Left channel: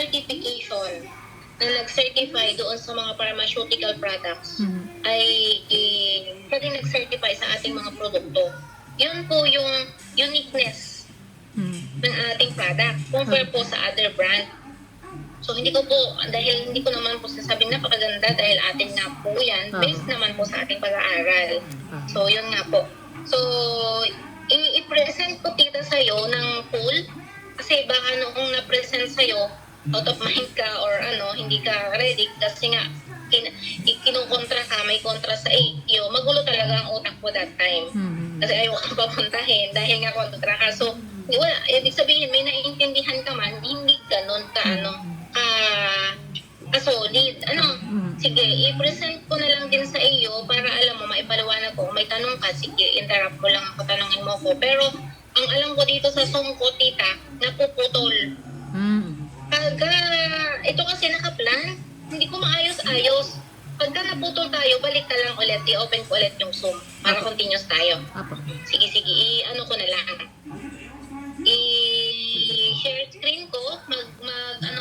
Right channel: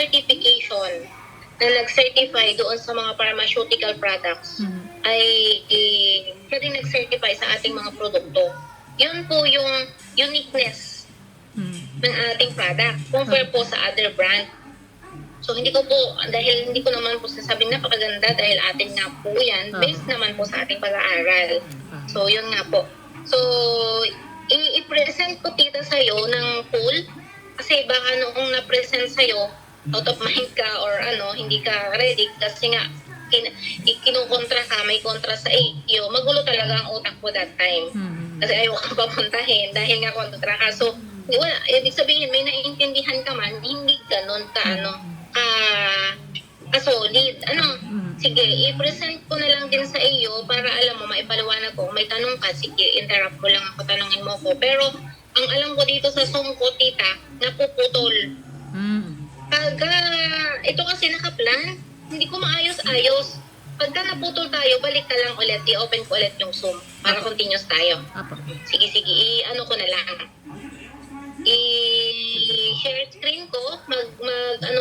certification na nag-certify doon sa mga pharmaceutical products ay pwede nag-certify sa ating mga produkto. Yun po yung uniqueness ng ating product compare po sa other brand. So hindi ko naman po sasabing napakaganda dahil atin nga po yan, based naman po sa ating pag-aaral. So yun nga po. So i-present ko tita sa'yo ng pool kasi baka noong na-present sa'yo, out of mind ka or hindi ka ready kasi nga kinukontra ka, may kontra sa iyo, magulo talaga ang utak ko that time. Kasi ayaw kang papuntahin dahil nga kontra ka. So, wala, ibig sabihin, may naiintindihan ka man, hindi ganun solid. Sige, i-present ko na lang din sa iyo para alam mo, maipaliwanag ko. May tanong ka, sige, interrupt mo lang ako, tanongin mo ko. Pero, ang alam ko dito sa Zoom ko, tita, napuputol. Pagka, ito kasi nakaplan, hindi ko maayos-ayos. Pagka naputol tayo, balik ka lang ulit, i-open ko ulit yung Zoom para continuous tayo. Sige, i-ano ko na lang. I-share screen ko,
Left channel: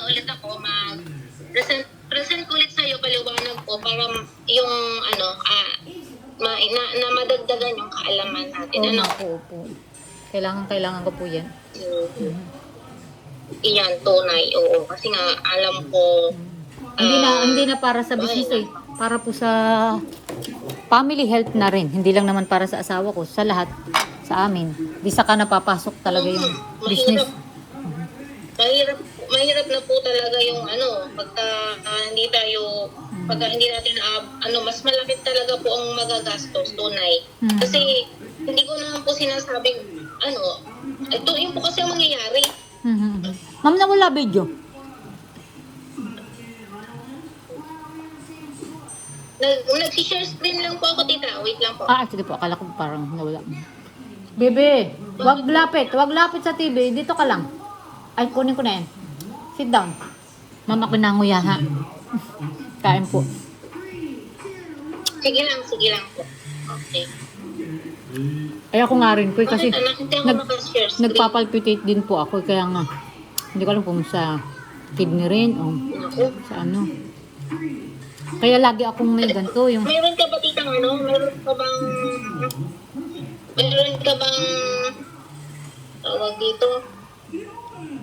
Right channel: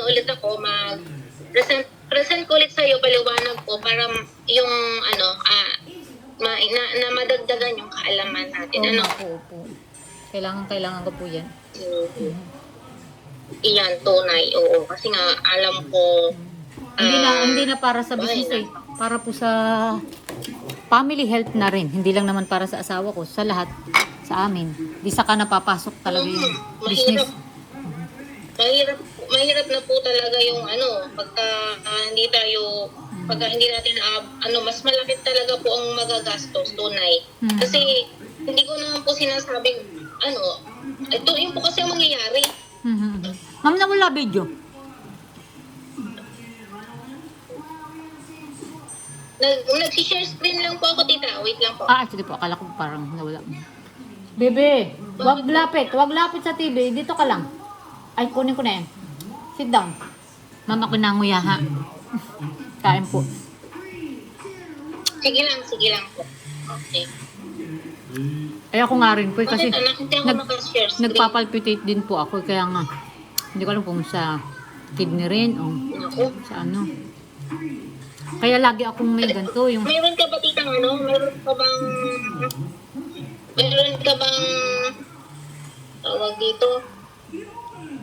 ulit ako, present ko ulit sa'yo, paliwanag ko para yung, na madagdagan yung kaalaman natin. Opo. Kailangan ko po yan. Iyan, tunay, oo. Kasi nga, alam ko, hindi na para sa business para po sa family health na rin. Hindi lang naman para sa asawa ko, sa lahat, sa amin. Di saka napapasok talaga yung business. Mahirap na po talaga yung pagka hindi natin mas malapit talaga po ang magagastos, tunay. Kasi hindi ko naman po sinasabing ito yun po kasi ang mangyayari. Ma'am, nawala video. Nag-share screen lang po ako, tita. Wait lang po. Actually po, akala ko parang nawala. Bebe, wag lapit sa TV. Dito ka lang. Ay, kunin ko na yan. Sit down. Mama ko nanguya ha. Kain po. Sige lang po. Okay. Ay, ako nga rin po kasi nag-share screen. nagpapalpitate din po ako. Kaya nga, hindi ko alam kung sa kidney rin o sa ano. Kaya lagi akong may ganito yung... Meron ka ba titang meron ka bang tawag dito?